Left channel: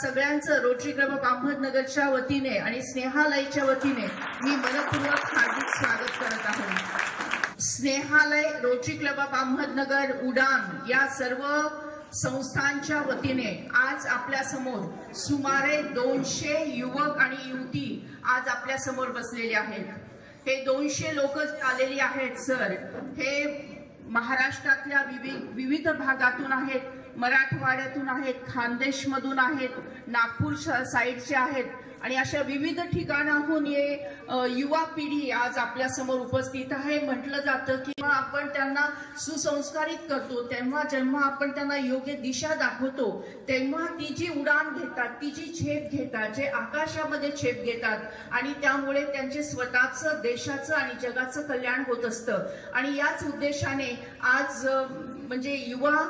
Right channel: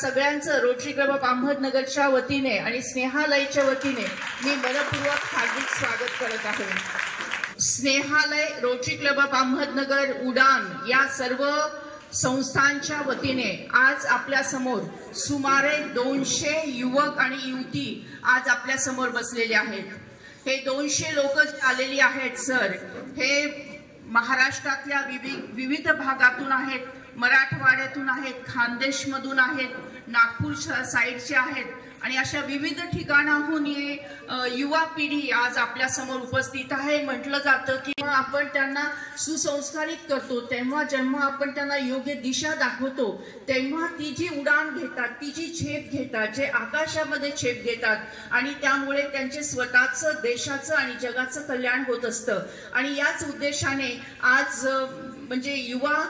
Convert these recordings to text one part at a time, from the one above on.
सगळ्यांचं rotary Club of अहमदनगरच्या वतीने आणि स्नेहालयच्या वतीने मी मनपूर्वक हार्दिक स्वागत करत आहे। Snehalaya, Rotary Club of Ahmednagar, Udaan या सर्व संस्थांच्या वतीने आज आपल्या समोर सुमारे 200 युवक आणि युवती आज आपल्या समोर बसलेले आहेत। हे 200 लोक आलेली आहेत सर, हे महाराष्ट्रातल्या विविध भागातून आहेत, मराठवाड्यातून आहेत, खानदेशमधून आहेत, नागपूर साइडचे आहेत आणि अशा विविध ठिकाणाहून युवा पिढी आज आपल्या समोर उपस्थित आहे। म्हटलं जातं की आपण त्यांना सुसंस्कारित करतो तेव्हा जेव्हा आपण त्यांना योग्य दिशा दाखवतो तेव्हा ती जी उडान घेतात, ती जी झेप घेतात, जे आकाशामध्ये झेप घेतात आणि त्यामुळे त्यांचे स्वतःचं, देशाचं आणि जगाचं कल्याण होत असतं। आणि याच उद्देशाने आज म्हणजे युवा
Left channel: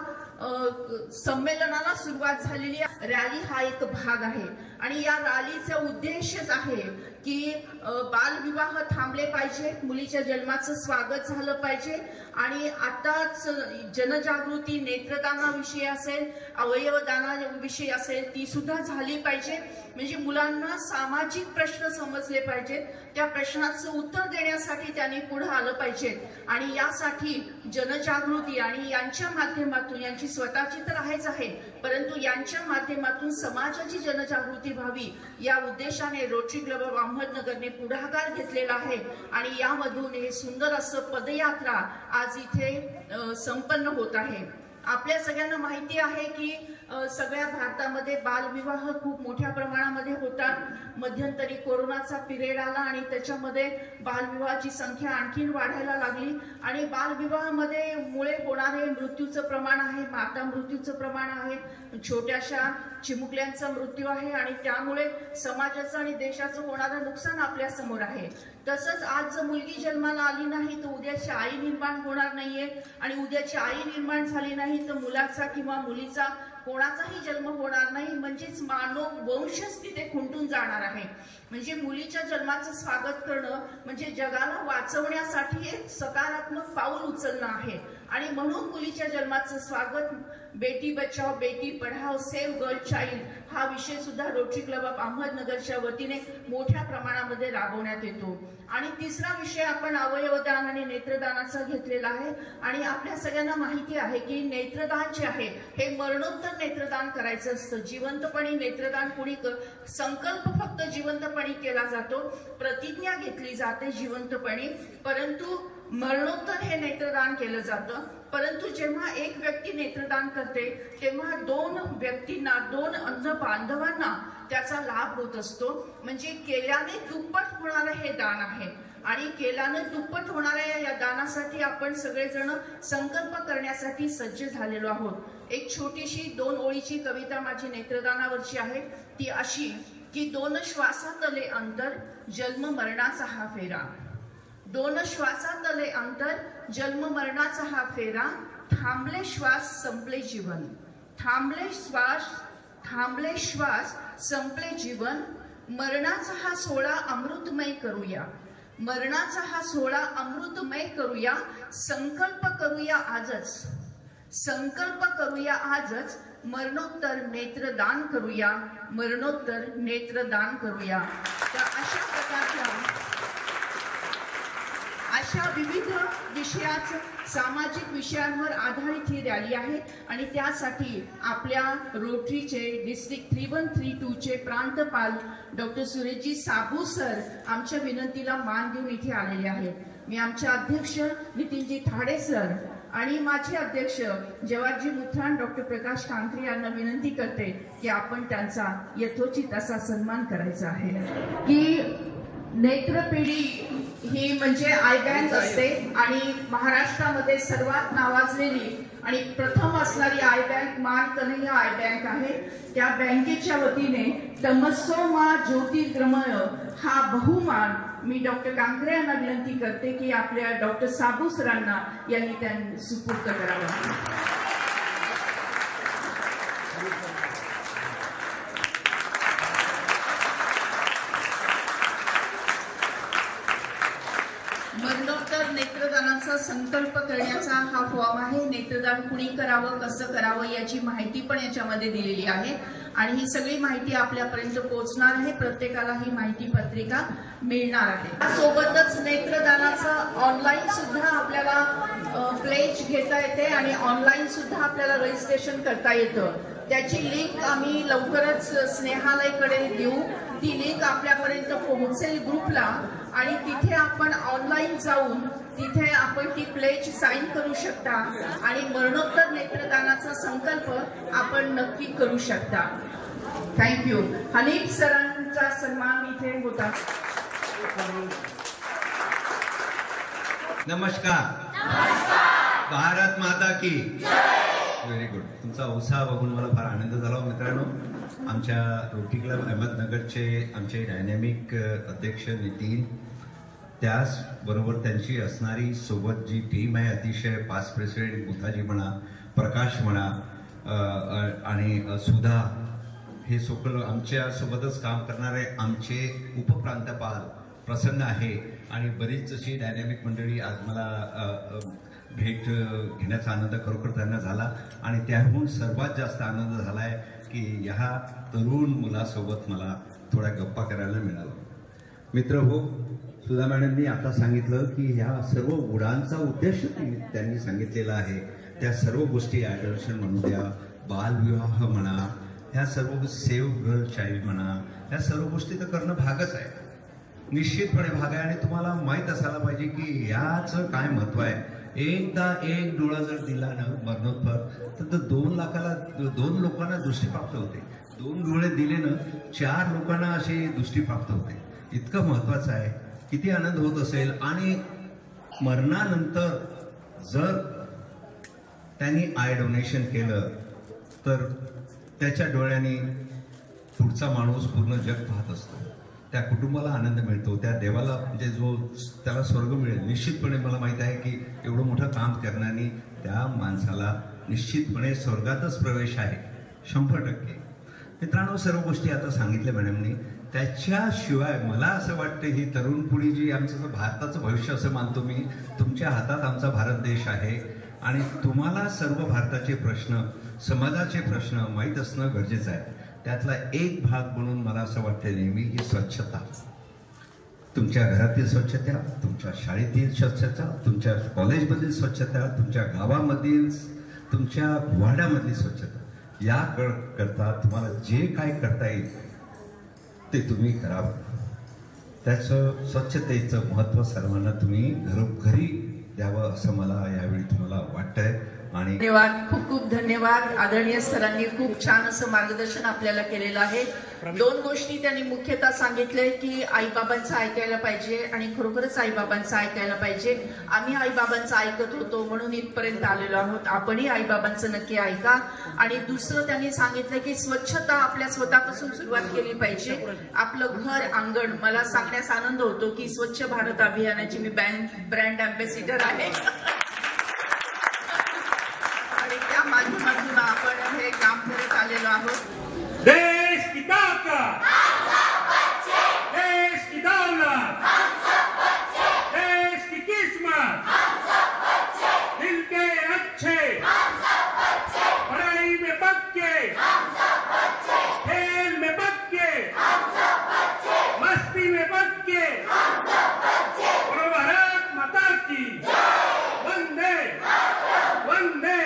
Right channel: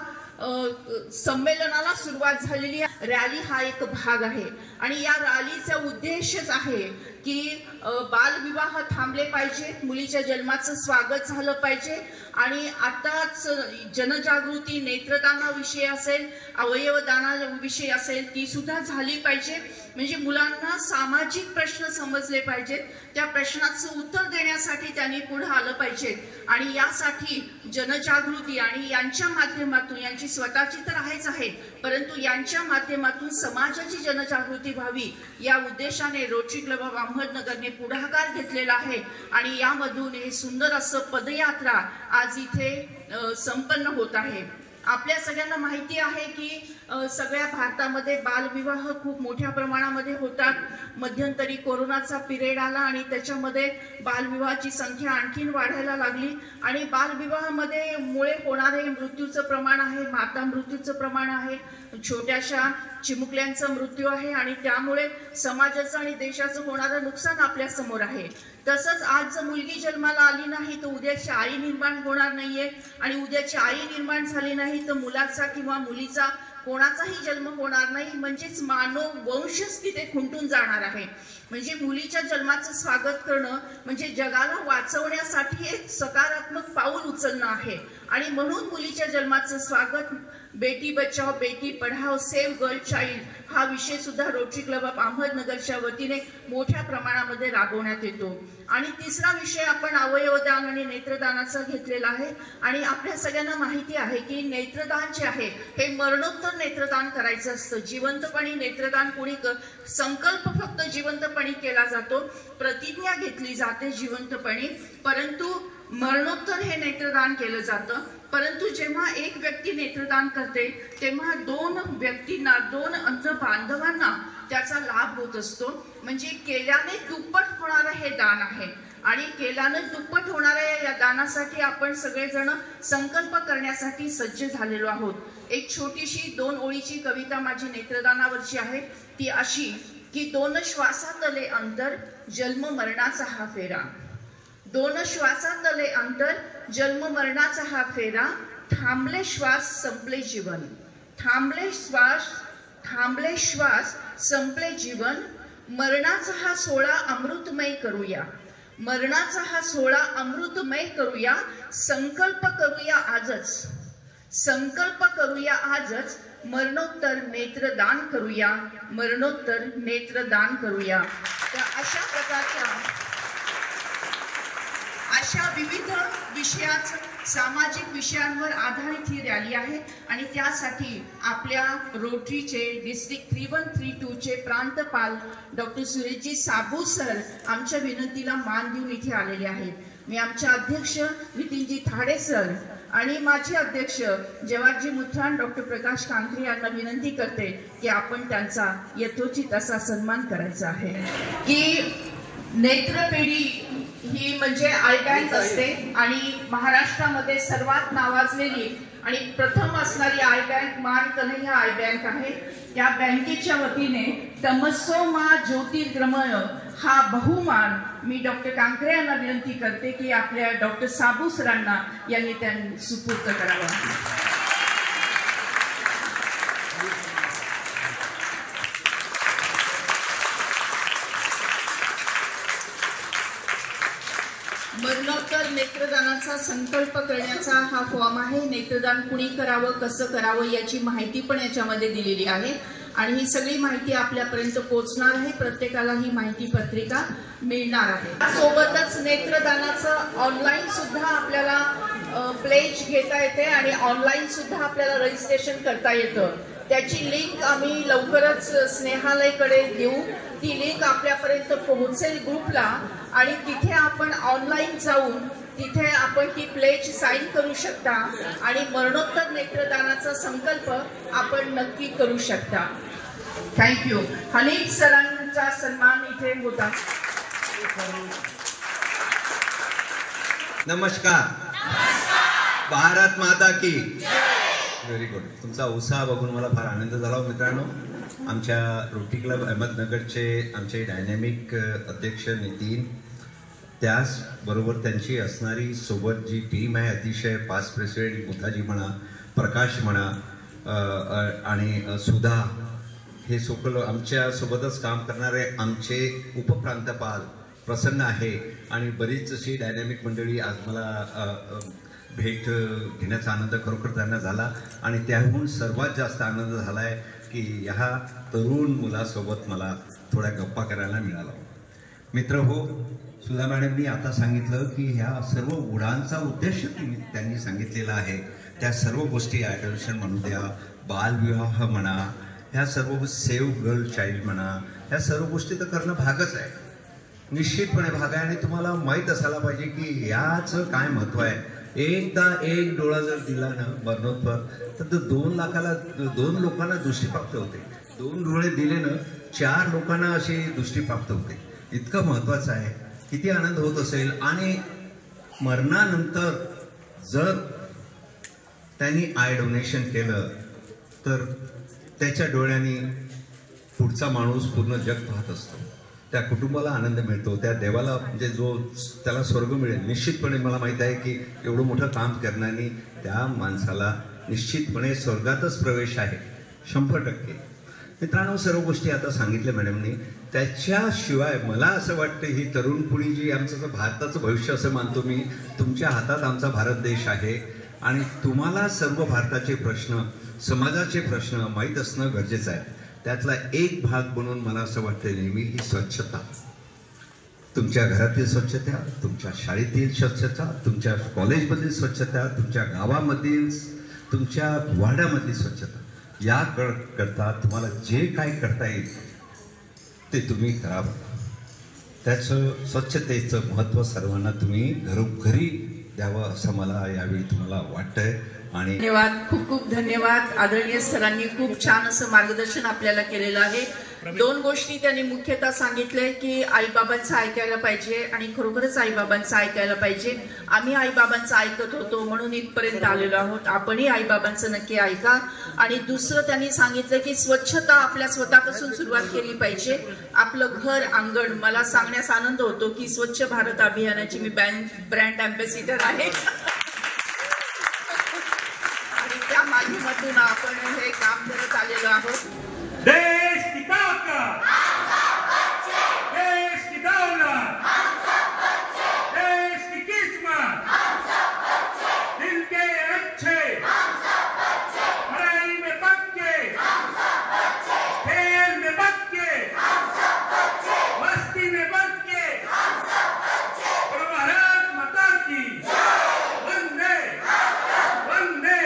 संमेलनाला सुरुवात झालेली रॅली हा एक भाग आहे आणि या रॅलीचा उद्देशच आहे की बालविवाह थांबले पाहिजे, मुलीच्या जन्माचं स्वागत झालं पाहिजे आणि आताच जनजागृती नेत्रदानाविषयी असेल, अवयवदानाविषयी असेल ती सुद्धा झाली पाहिजे। म्हणजे मुलांना सामाजिक प्रश्न समजले पाहिजेत, त्या प्रश्नाचं उत्तर देण्यासाठी त्यांनी पुढे आलं पाहिजे आणि यासाठी जनजागृती आणि यांच्या माध्यमातून, यांची स्वतःची तर आहेच आहे परंतु यांच्या माध्यमातून समाजाची जनजागृती व्हावी या उद्देशाने रोटरी क्लब ऑफ अहमदनगरने पुढाकार घेतलेला आहे आणि यामधून हे सुंदर असं पदयात्रा आज इथे संपन्न होत आहे। आपल्या सगळ्यांना माहिती आहे की सगळ्या भारतामध्ये बालविवाह खूप मोठ्या प्रमाणामध्ये होतात। मध्यंतरी कोरोनाचा पिरियड आला आणि त्याच्यामध्ये बालविवाहाची संख्या आणखीन वाढायला लागली आणि बालविवाहामध्ये मुळे होणारे मृत्यूचं प्रमाण आहे, माता मृत्यूचं प्रमाण आहे, छोट्याशा चिमुकल्यांचा मृत्यू आहे आणि त्यामुळे समाजाचं आणि देशाचं होणारं नुकसान आपल्या समोर आहे। तसंच आज जर मुलगी जन्माला आली नाही तर उद्याची आई निर्माण होणार नाहीये आणि उद्याची आई निर्माण झाली नाही तर मुलाचा किंवा मुलीचा कोणाचाही जन्म होणार नाही, म्हणजेच मानव वंशच तिथे खुंटून जाणार आहे। म्हणजे मुलीच्या जन्माचं स्वागत करणं म्हणजे जगाला वाचवण्यासाठी एक सकारात्मक पाऊल उचलणं आहे आणि म्हणून मुलीच्या जन्माचं स्वागत, Beti Bachao Beti Padhao, save girl child हा विषय सुद्धा रोटरी क्लब ऑफ अहमदनगरच्या वतीने मोठ्या प्रमाणामध्ये राबवण्यात येतो। आणि तिसरा विषय आपण अवयवदान आणि नेत्रदानाचा घेतलेला आहे आणि आपल्या सगळ्यांना माहिती आहे की नेत्रदान जे आहे हे मरणोत्तर नेत्रदान करायचं असतं। जिवंतपणी नेत्रदान कोणी संकल्प फक्त जिवंतपणी केला जातो, प्रतिज्ञा घेतली जाते जिवंतपणी, परंतु मरणोत्तर हे नेत्रदान केलं जातं। परंतु जेव्हा एक व्यक्ती नेत्रदान करते तेव्हा 2 व्यक्तींना, 2 अंध बांधवांना त्याचा लाभ होत असतो। म्हणजे केल्याने दुप्पट होणारं हे दान आहे आणि केल्याने दुप्पट होणाऱ्या या दानासाठी आपण सगळेजण संकल्प करण्यासाठी सज्ज झालेलो आहोत। एक छोटीशी 2 ओळीची कविता माझी नेत्रदानावरची आहे, ती अशी की 2 श्वासातले अंतर, जन्म मरणाचा हा फेरा, 2 श्वासातले अंतर, जन्म मरणाचा हा फेरा, थांबले श्वास संपले जीवन, थांबले श्वास संपले जीवन, मरणाचा हा सोहळा अमृतमय करूया, मरणाचा हा सोहळा अमृतमय करूया, संकल्प करूया आजच, संकल्प करूया आजच, मरणोत्तर नेत्रदान करूया, मरणोत्तर नेत्रदान करूया। तर अशा प्रकारच्या अशा विविध विषयाचं, सामाजिक विषयांवर आधारित ही रॅली आहे आणि त्यासाठी आपल्या रोटरीचे डिस्ट्रिक्ट 3132 चे प्रांतपाल डॉक्टर सुरेशजी साबू सर आमच्या विनंतीला मान देऊन इथे आलेले आहेत। मी आमचे अध्यक्ष नितीनजी थाडे सर आणि माझे अध्यक्ष जवाहरजी मुथ्रान डॉक्टर प्रकाश कांकरे यांना विनंती करते की आपण त्यांचा यथोचित असा सन्मान करायचा आहे। की नेत्रपिढी ही म्हणजे आय बँक असते आणि महाराष्ट्रामध्ये सर्वात नावाजलेली आणि प्रथम असणारी आय बँक मान कन्हैया आय बँक आहे। त्या बँकेच्या वतीने तमस्सो मा ज्योतिर्गमय हा बहुमान मी डॉक्टर कांकरे यांना विनंती करते की आपल्या डॉक्टर साबू सरांना यांनी त्यांनी सुपूर्द करावा। मरणोत्तर नेत्रदानाचा संकल्प करण्याचा हा फॉर्म आहे। नेत्रदान कुणी करावं, कसं करावं याची माहिती पण याच्यामध्ये दिलेली आहे आणि ही सगळी माहिती आपल्यापर्यंत पोहोचणार आहे. प्रत्येकाला ही माहिती पत्रिका मिळणार आहे. सोबतच नेत्रदानाचं ऑनलाईन सुद्धा आपल्याला प्लेज घेता येते आणि ऑनलाईन सुद्धा आपल्याला रजिस्ट्रेशन करता येतं. त्याची लिंक आम्ही लवकरच स्नेहालयकडे देऊ. ती लिंक आपल्यापर्यंत पोहोचेल ग्रुपला आणि तिथे आपण ऑनलाईन जाऊन तिथे आपण ती प्लेज साईन करू शकता आणि मरणोत्तर नेत्रदानाचा संकल्प आपण नक्की करू शकता. थँक्यू. हनीफ सरांचा सन्मान इथे होता. नमस्कार. भारत माता की व्हेरी गुड. तुमचा उत्साह बघून मला फार आनंद झाला. मित्रांनो, आमच्या रोटरी क्लब अहमदनगरचे आमचे डायनॅमिक अध्यक्ष नितीन, त्याचबरोबर त्यांची असणारी सोबत जी टीम आहे, अतिशय पास्ट प्रेसिडेंट मुथाजी म्हणा, प्रकाश म्हणा आणि सुधा, हे सगळं आमच्या सोबतच काम करणारे आमचे उपप्रांतपाल प्रसन्न आहे आणि बरीच अशी डायनॅमिक मंडळी आज मला भेट घेण्याचा आनंद खरोखर त्यांना झाला. आणि त्याहून सर्वात जास्त आनंद झाला आहे की ह्या तरुण मुलासोबत मला थोड्या गप्पा करायला मिळाला. मित्र हो, सुधा मॅडमनी आता सांगितलं की ह्या सर्व उडानचा उद्देश त्यांनी सांगितलेला आहे. त्या सर्व गोष्टी ॲडॉप्शन म्हणू द्या, बालविवाह म्हणा, ह्या सर्व सेव्ह गर्ल चाइल्ड म्हणा, ह्या सर्व गोष्टी तर करणं भागच आहे, निश्चितपणे भाग आहे. आणि तुम्हाला माहीत असायला पाहिजे की याचं काय महत्त्व आहे. एकदा एक डोळा जर दिला ना मरणोत्तर, तर 2 लोकांना दृष्टी प्राप्त होते. 2 डोळे दिले ना 4 लोकांना अशी दृष्टी प्राप्त होते. इतकं महत्त्वाचं आहे. किती आनंद होत असेल. आणि मरणानंतर जर त्यांनी आय डोनेशन केलं तर त्याच्या डोळ्यांनी पुढचा माणूस पूर्ण जग पाहत असतो. त्या कुटुंबाला आनंद मिळतो, त्या देवाला म्हणजे जो त्याला स्वर्ग मिळेल. निश्चितपणे मला माहीत आहे की एवढं मोठं काम करण्याने त्या माणसाला निश्चितपणे स्वर्गातच प्रवेश आहे 100%. मित्रांनो, सर्व गोष्टी आता सांगितल्या मॅडमने. त्याच्याशिवाय मला असं वाटतं ही तरुण पिढी जी आमचं भारताचं भविष्य असं मानतो मी, तुमच्या हातात आमचा भारत देश आहे आणि तुम्हाला सर्व भारताचे प्रश्न, समाजाचे प्रश्न माहीत असणं गरजेचं आहे. त्यातला एक भाग म्हणून मला असं वाटतं नेहमी ही स्वच्छता. तुमच्या घरातील स्वच्छता, तुमच्या शाळेतील स्वच्छता, तुमच्या कॉलेजमधील स्वच्छता, तुमच्या गावामधील, तुमच्या वाड्यामधली स्वच्छता, या करता तुम्हाला जे काय करता येईल ते तुम्ही करावं. त्याचं स्वच्छतेचं महत्त्व सर्वांना तुम्ही घरोघरी द्यावं असं मला यावेळी तुम्हाला वाटतंय. आणि धन्यवाद, खूप खूप धन्यवाद. आदरणीय सरांनी खूप छान असं मार्गदर्शन आपल्याला केलेलं आहे. 2 गोष्टी त्यांनी मुख्यतः सांगितल्या की आईबाबांचं ऐकायला पाहिजे आणि खरोखरच आईबाबांचं ऐकायला पाहिजे. आम्ही आईबाबांचं ऐकत होतो म्हणून इथपर्यंत आलेलो आहोत. आपणही आईबाबांचं नक्की ऐका. आणि दुसरं त्यांनी सांगितलं की स्वच्छता आपल्या स्वतःपासून सुरुवात केली पाहिजे. आपलं घर, अंगण. मला सांगण्यास आनंद होतो की स्वच्छ भारत अभियानाची मी ब्रँड अँबॅसिडर आहे. माध्यमातून आपण हे काम करत आलेलो आहोत. देश की ताकत, देश की दौलत, देश की किस्मत, दिल के अच्छे, पढ़ाई में पक्के, खेल में पक्के, मस्ती में पक्के, और भारत माता की वंदे वंदे.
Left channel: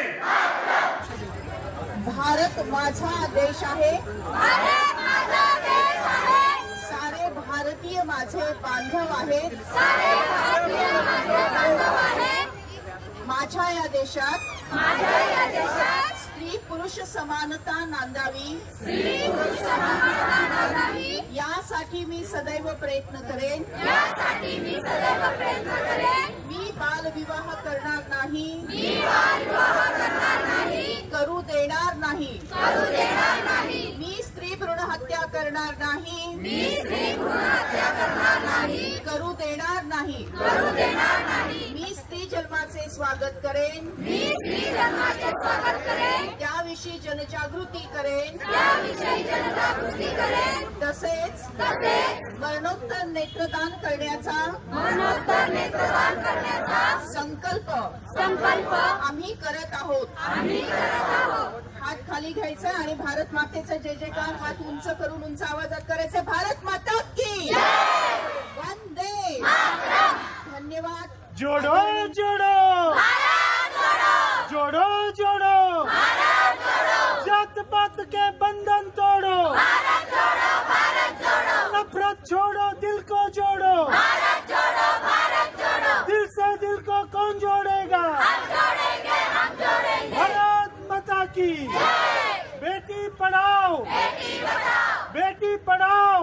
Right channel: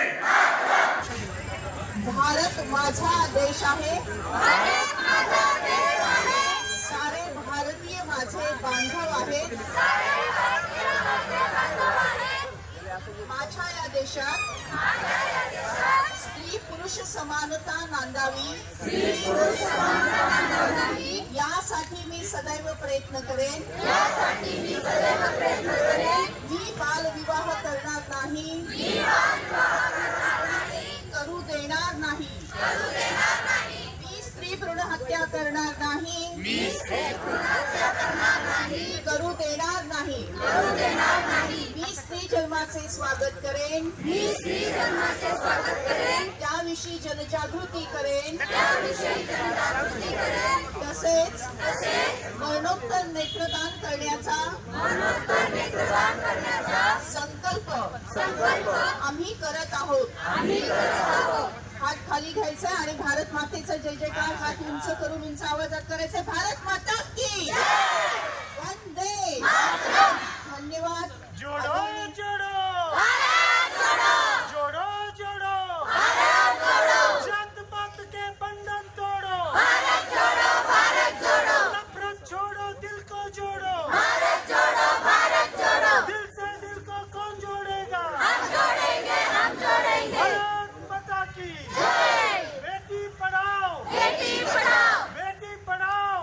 भारत माझा देश आहे, सारे भारतीय माझे बांधव आहेत. माझ्या या देशात स्त्री पुरुष समानता नांदावी, यासाठी मी सदैव प्रयत्न करेन. मी बालविवाह करणार नाही, करू देणार नाही. मी स्त्री भ्रूण हत्या करणार नाही, करू देणार नाही. मी स्त्री जन्माचे स्वागत करेन, त्याविषयी जनजागृती करेन. तसेच मरणोत्तर नेत्रदान करण्याचा संकल्प आम्ही करत आहोत. हात खाली घ्यायचा आणि भारत मातेचा जय जयकार हात उंच करून उंच आवाजात करायचे. भारत माता की वंदे धन्यवाद. जोडो जोडो जोडो जोडो जात पात के बंधन तोड़ो, नफरत छोड़ो दिल को जोड़ो, दिल से दिल को कौन जोड़ेगा, भारत माता की बेटी पढ़ाओ बेटी पढ़ाओ.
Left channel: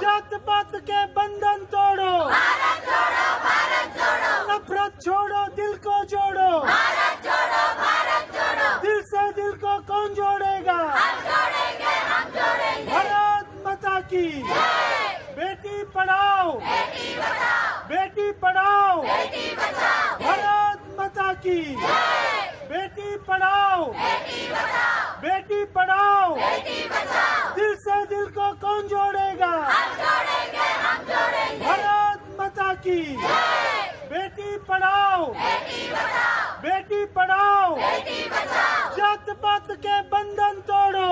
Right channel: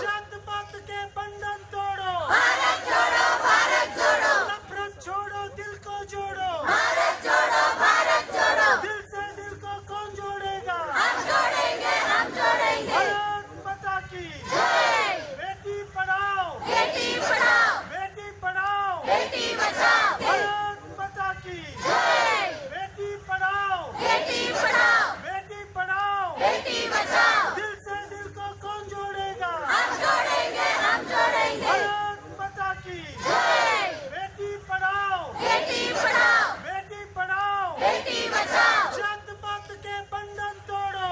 जात पात के बंधन तोड़ो, नफरत छोड़ो दिल को जोड़ो, दिल से दिल को कौन जोड़ेगा, भारत माता की बेटी पढ़ाओ बेटी पढ़ाओ, भारत माता की बेटी पढ़ाओ बेटी पढ़ाओ. दिल से दिल को कौन जोड़ेगा, भारत माता की बेटी पढ़ाओ बेटी पढ़ाओ. जात पात के बंधन तोड़ो,